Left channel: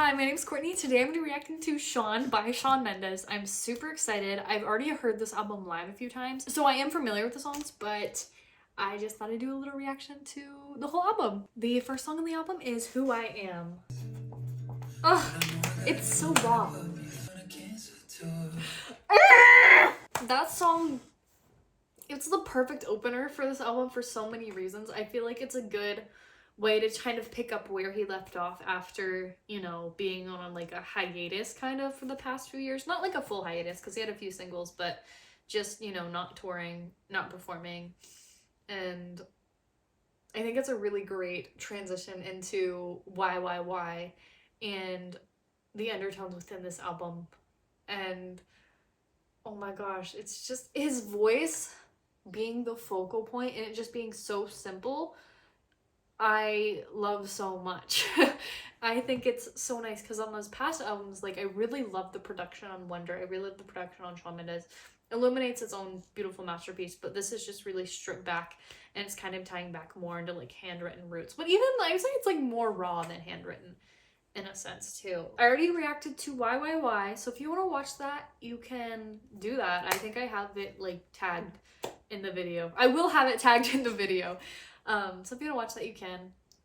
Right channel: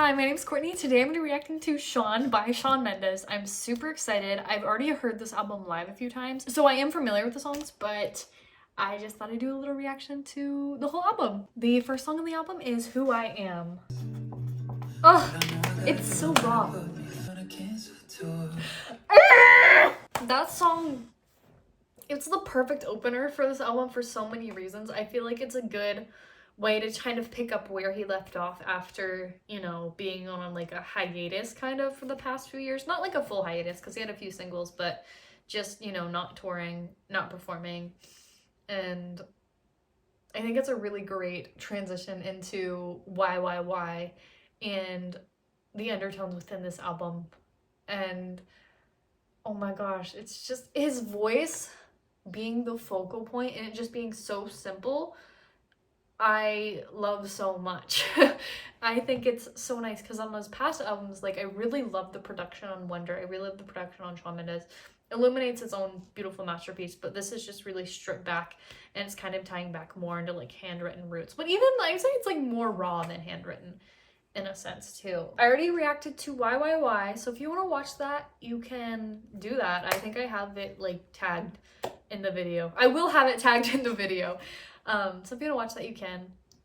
Hi, my name's Courtney. Today I'm going to be reacting to Shawn by Shawn Mendes. I'm super excited. I've already heard this album live a few times, so I am familiar with the songs, but I just thought I'd do a little reaction to the whole album. The first song on the album is Who I Am. Ugh, it's so raw. That song, it's the perfect opener for this album for so many reasons. I feel like it's a good way to kind of pick up where he left off after, you know, being on like a hiatus kind of for the past few years. Not like a full hiatus because he had a few singles, but just, you know, not touring, not performing. And I think it's a really great transition into why, and the undertones within this album. And oh my gosh, it's just his voice being the focal point and it just being so simple, I love so much. I think it's so nice because on those past albums, like I really love the production on Wonder. I really love the production on Shawn Mendes. Illuminates its own beautiful masterpiece, but this is just really stripped back and it's kind of tying back more into like handwritten roots. But even I would say it's like more raw than handwritten in a sense too. I already reacted to Why, so if you want to watch that, you can do that. I think I have it like tagged in the video. I will have it tagged in the video. So if you want to watch that, you can,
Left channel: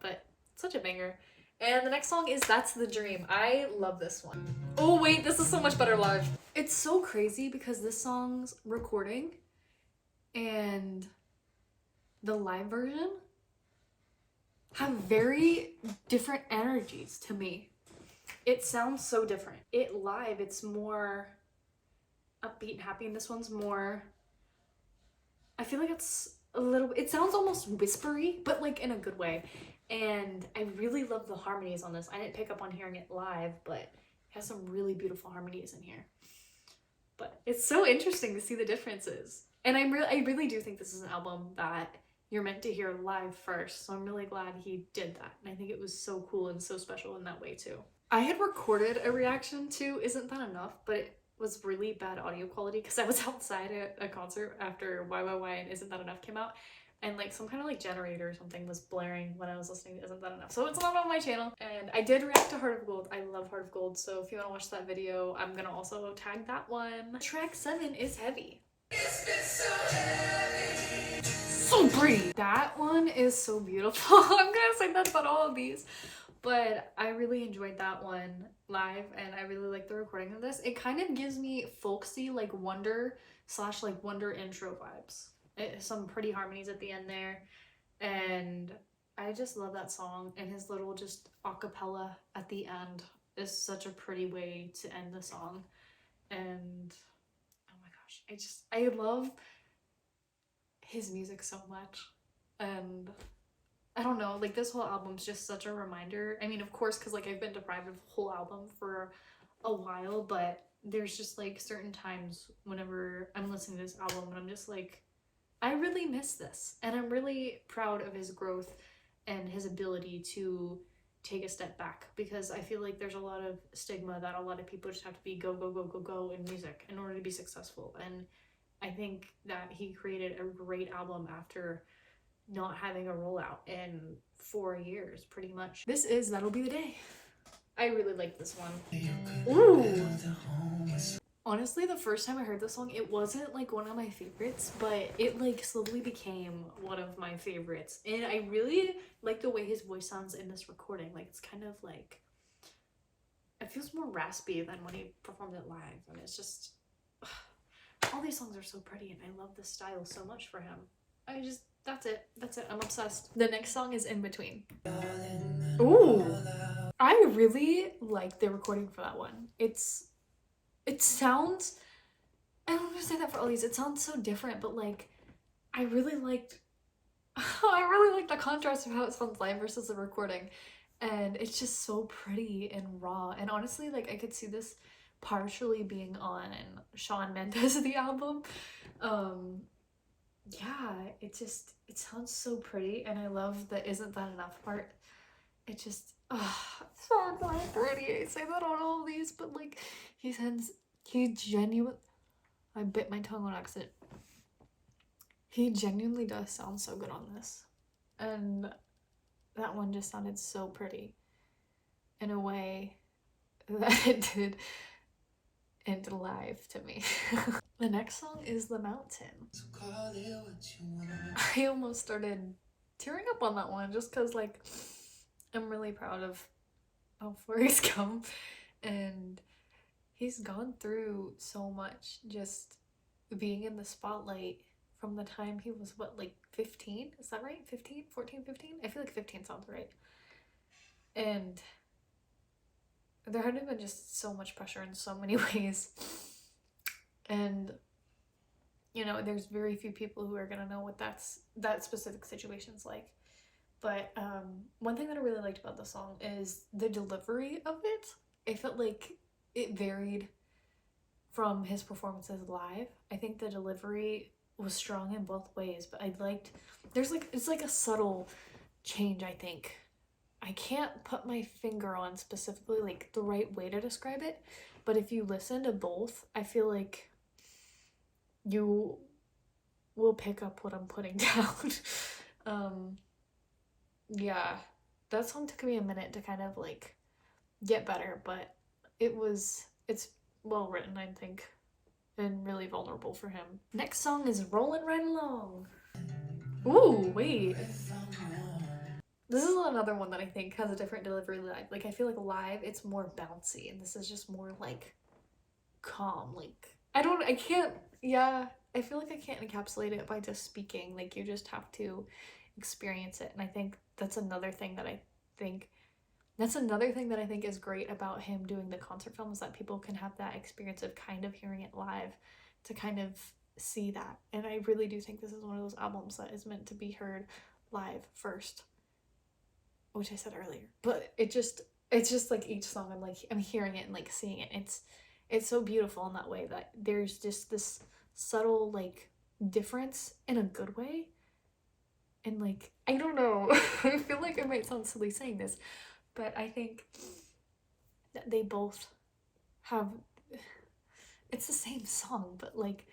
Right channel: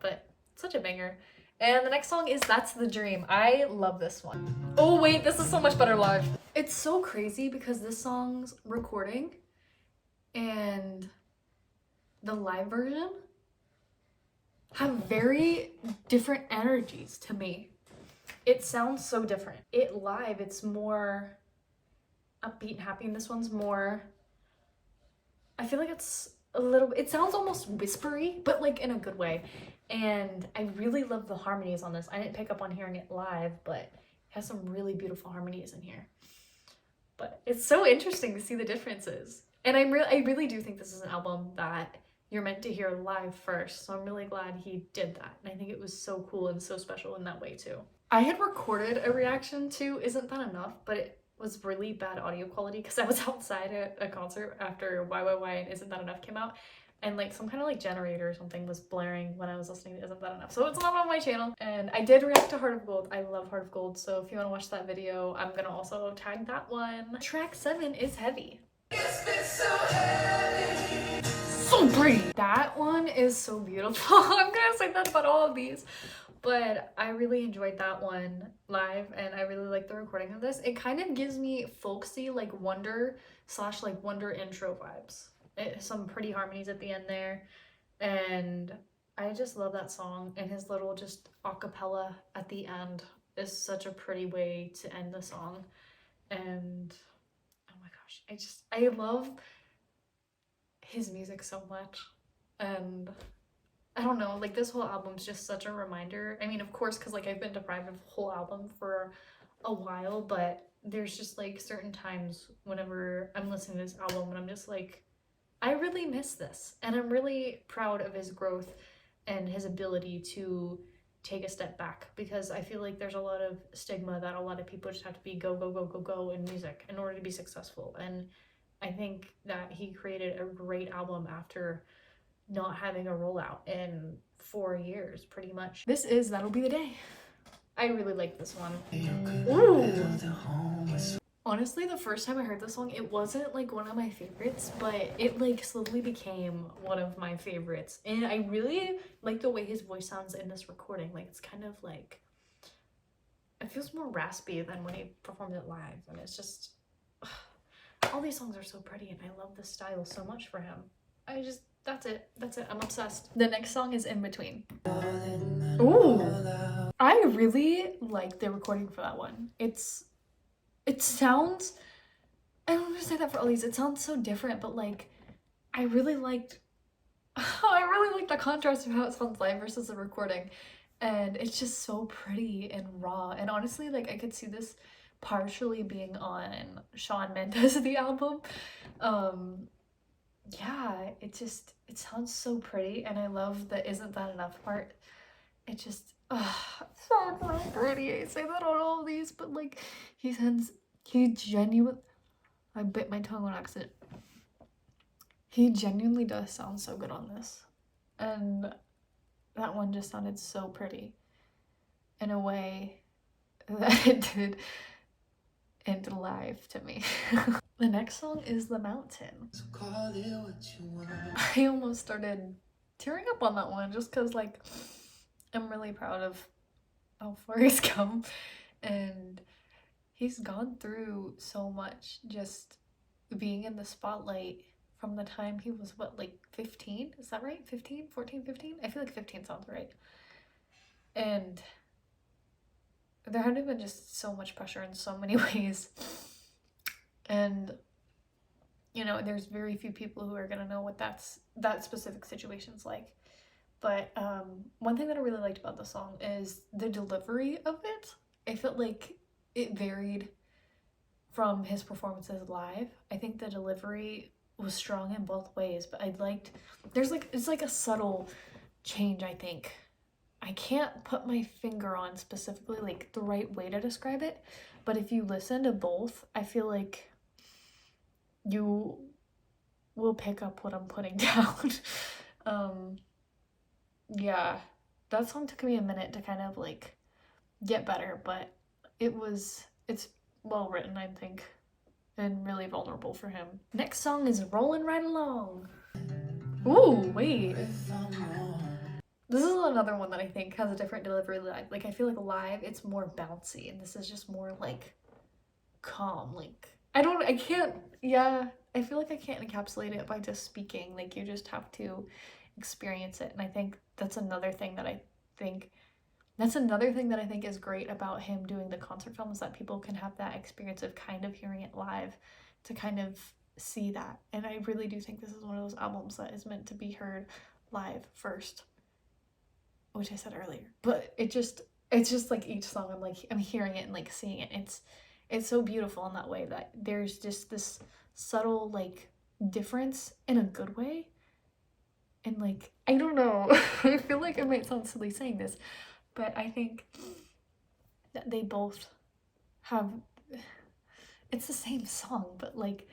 but it's such a banger. And the next song is That's the Dream. I love this one. Oh wait, this is so much better live. It's so crazy because this song's recording and the live version have very different energies to me. It sounds so different. It live, it's more upbeat and happy, and this one's more, I feel like it's a little, it sounds almost whispery, but like in a good way. And I really love the harmonies on this. I didn't pick up on hearing it live, but it has some really beautiful harmonies in here. But it's so interesting to see the differences. And I really do think this is an album that you're meant to hear live first. So I'm really glad he did that. And I think it was so cool and so special in that way too. I had recorded a reaction to Isn't That Enough, but it was really bad audio quality because I was outside at a concert after Why and Isn't That Enough came out, and like some kind of like generator or something was blaring when I was listening to Isn't That Enough. So it's not on my channel. And I did react to Heart of Gold. I love Heart of Gold. So if you want to watch that video, I'm gonna also tag that one. Track 7 is Heavy. So pretty. That one is so beautiful. I'm gonna say that about all of these. But I really enjoyed that one live, and I really like the recording of this. It kind of gives me folksy, like Wonder / like Wonder intro vibes. Some pretty harmonies at the end there, and I just love that song. And his little just acapella at the end is such a pretty way to end the song. And oh my gosh, I love his music so much. And I don't know, like this whole album's just such a reminder. I mean, of course, because like I've been deprived of a whole album for a while, but there's just like certain times whenever I'm listening to this album and I'm just like, I really miss this. And I'm really proud of his growth and his ability to take a step back, because I feel like there's a lot of stigma that a lot of people just have to be go in music in order to be successful. And I think that he created a great album after not having a rollout in 4 years pretty much. This is That'll Be the Day. I really like this one. Ooh. Honestly, the first time I heard this song, it wasn't like one of my favorites, but it like slowly became one of my favorites. And I really like the way his voice sounds in this recording. Like it's kind of like, it feels more raspy than when he performed it live. And it's just, all these songs are so pretty, and I love the style so much for him. That's it. I'm obsessed. The next song is In Between. Ooh. I really like the recording for that one. It sounds, I don't want to say that for all these, it sounds so different, but like, I really liked the contrast of how it sounds live versus the recording. And it's just so pretty and raw. And honestly, like I could see this partially being on Shawn Mendes the album. Yeah, it sounds so pretty, and I love the Isn't That Enough part. It just, so pretty. I say that on all of these, but like, I bit my tongue on accident. He genuinely does sound so good on this. And that one just sounded so pretty in a way that it did end live to me. The next song is The Mountain. So call it what you want. I almost started tearing up on that one just because, like, I'm really proud of how far he's come, and he's gone through so much just being in the spotlight from the time he was, what, like 15? Is that right? 15? 14, 15? I feel like 15 sounds right. And there had been just so much pressure in so many ways. And, you know, there's very few people who are going to know what that specific situation's like. But one thing that I really liked about the song is the delivery of it. I felt like it varied from his performances live. I think the delivery was strong in both ways, but I liked, it's like a subtle change, I think. I can't put my finger on specifically like the right way to describe it, but if you listen to both, I feel like you will pick up what I'm putting down. Yeah, that song took me a minute to kind of like get better, but it's well written, I think, and really vulnerable for him. Next song is Rollin' Right Along. Ooh, wait. This is another one that I think has a different delivery live. Like, I feel like live, it's more bouncy, and this is just more, like, calm. Like, I can't, yeah, I feel like I can't encapsulate it by just speaking. Like, you just have to experience it, and I think that's another thing that I think is great about him doing the concert film, is that people can have that experience of kind of hearing it live to kind of see that. And I really do think this is one of those albums that is meant to be heard live first, which I said earlier. But it's just like each song I'm hearing it and like seeing it. It's so beautiful in that way, that there's just this subtle like difference in a good way. And like, I don't know, I feel like I might sound silly saying this, but I think that they both have, it's the same song, but like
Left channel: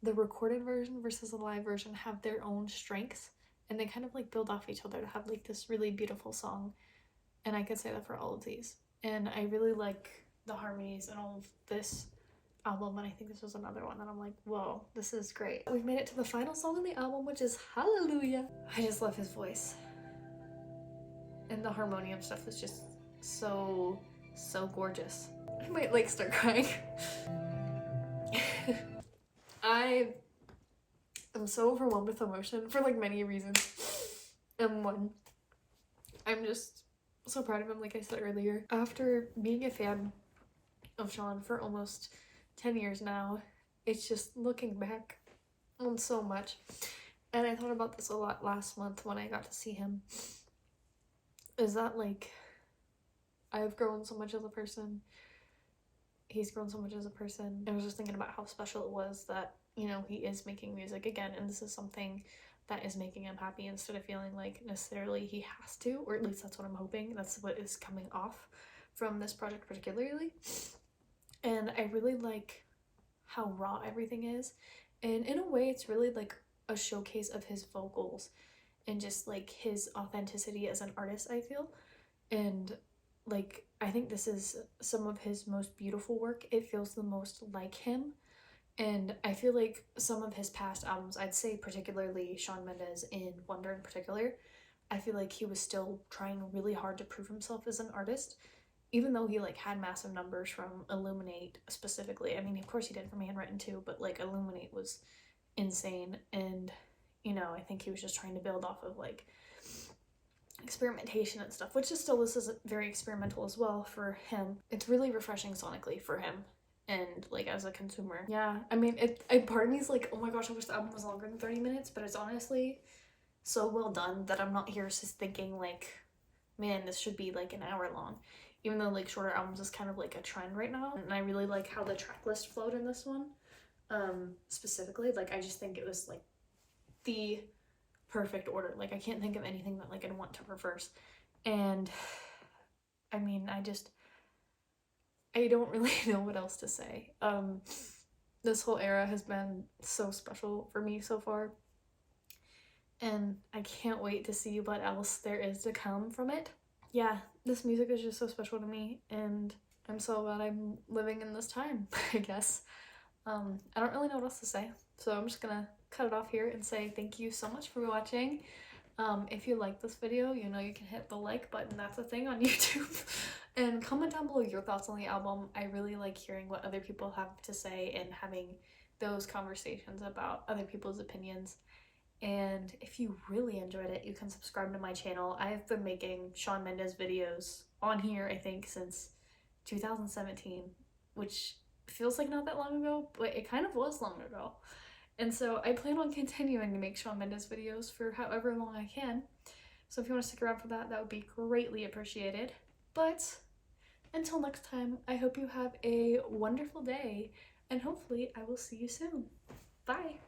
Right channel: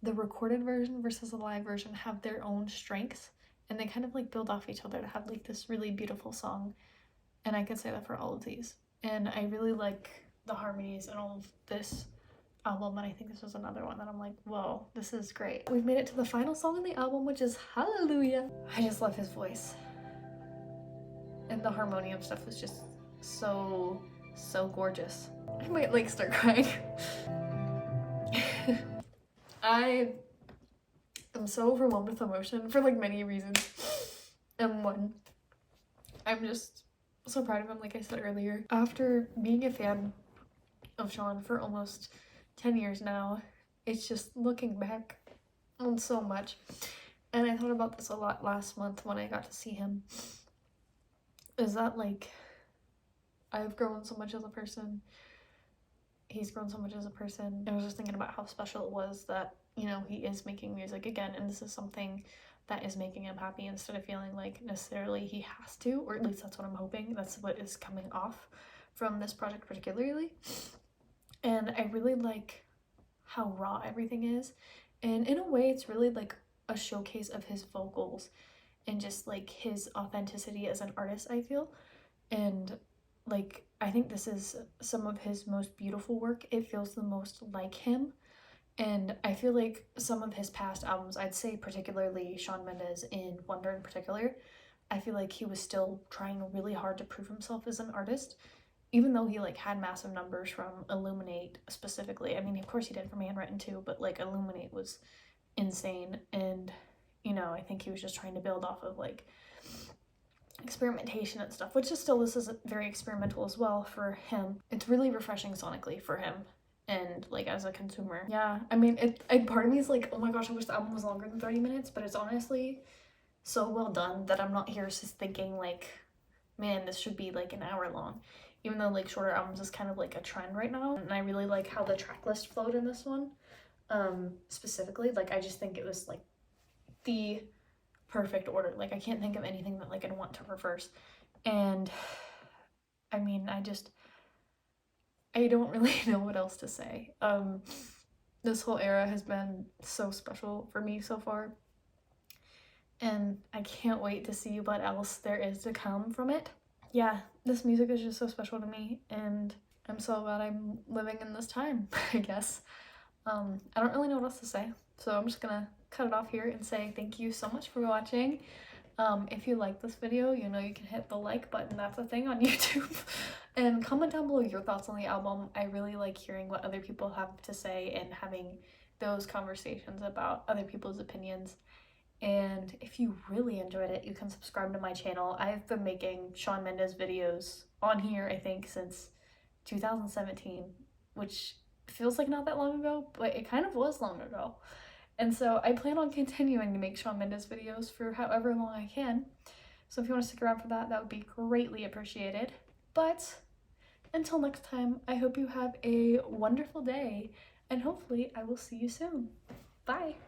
the recorded version versus the live version have their own strengths, and they kind of like build off each other to have like this really beautiful song. And I could say that for all of these. And I really like the harmonies and all of this album, and I think this was another one that I'm like, whoa, this is great. We've made it to the final song on the album, which is Hallelujah. I just love his voice, and the harmonium stuff is just so gorgeous. I might like start crying. I am so overwhelmed with emotion for like many reasons. And one, I'm just so proud of him, like I said earlier. After being a fan of Shawn for almost 10 years now, it's just looking back on so much. And I thought about this a lot last month when I got to see him. Is that like, I've grown so much as a person. He's grown so much as a person. I was just thinking about how special it was that, you know, he is making music again, and this is something that is making him happy, instead of feeling like necessarily he has to, or at least that's what I'm hoping. That's what is coming off from this project particularly. And I really like how raw everything is, and in a way it's really like a showcase of his vocals and just like his authenticity as an artist, I feel. And like, I think this is some of his most beautiful work. It feels the most like him. And I feel like some of his past albums, I'd say particularly Shawn Mendes in Wonder in particular, I feel like he was still trying really hard to prove himself as an artist, even though he like had massive numbers from Illuminate specifically. I mean, of course he did from Handwritten too, but like Illuminate was insane. And, you know, I think he was just trying to build off of like experimentation and stuff, which is still, this is very experimental as well for him. It's really refreshing sonically for him, and like as a consumer. Yeah, I mean, part of me is like, oh my gosh, I wish the album was longer than 30 minutes, but it's honestly so well done that I'm not here just thinking like, man, this should be like an hour long, even though like shorter albums is kind of like a trend right now. And I really like how the track list flowed in this one, specifically. Like, I just think it was like the perfect order. Like, I can't think of anything that like I'd want to reverse. And I mean, I don't really know what else to say. This whole era has been so special for me so far, and I can't wait to see what else there is to come from it. Yeah, this music is just so special to me, and I'm so glad I'm living in this time, I guess. I don't really know what else to say, so I'm just gonna cut it off here and say thank you so much for watching. If you like this video, you know you can hit the like button, that's a thing on YouTube. And comment down below your thoughts on the album. I really like hearing what other people have to say and having those conversations about other people's opinions. And if you really enjoyed it, you can subscribe to my channel. I've been making Shawn Mendes videos on here, I think, since 2017, which feels like not that long ago, but it kind of was long ago. And so I plan on continuing to make Shawn Mendes videos for however long I can. So if you want to stick around for that, that would be greatly appreciated. But until next time, I hope you have a wonderful day, and hopefully I will see you soon. Bye!